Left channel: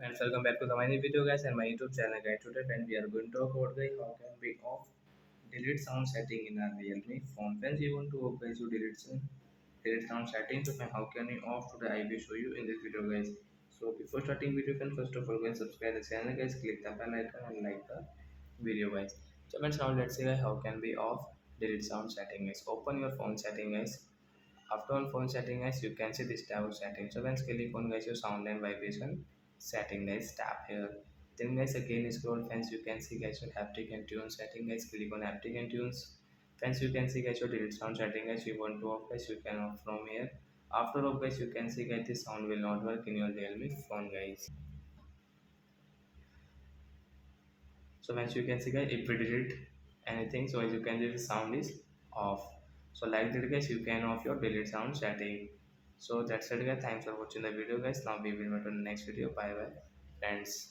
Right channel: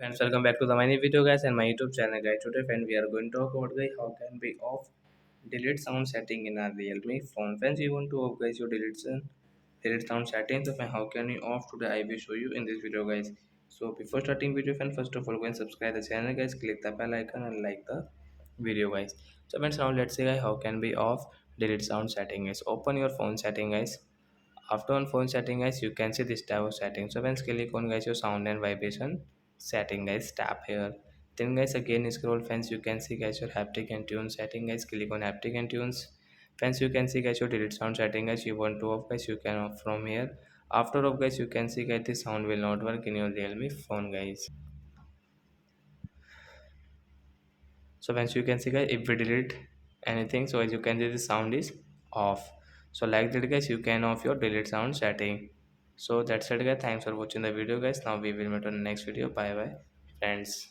And welcome back to the mini video guys and my YouTube channel guys. Today friend we are going to talk about guys how can we off delete sound setting in our Realme phone. Friends you want to off guys your delete sound settings. So friend, how can you off today I will show you in this video guys. So before starting video friend, first of all go and subscribe the channel guys, click the bell icon and like the video guys. So friends, now let's say guys how can we off delete sound setting guys. Open your phone setting guys. After on phone setting guys, you can see this type of setting. So once click on guys your sound and vibration setting guys, tap here. Then guys again scroll friends, you can see guys your haptic and tune setting guys. Click on haptic and tunes. Friends you can see guys your delete sound setting guys. You want to off guys, you can off from here. After off guys, you can see guys the sound will not work in your Realme phone guys. So once you can see guys, if we delete anything, so as you can see the sound is off. So like that guys, you can off your delete sound setting. So that's it guys, thanks for watching the video guys. Now we will meet on the next video. Bye bye friends.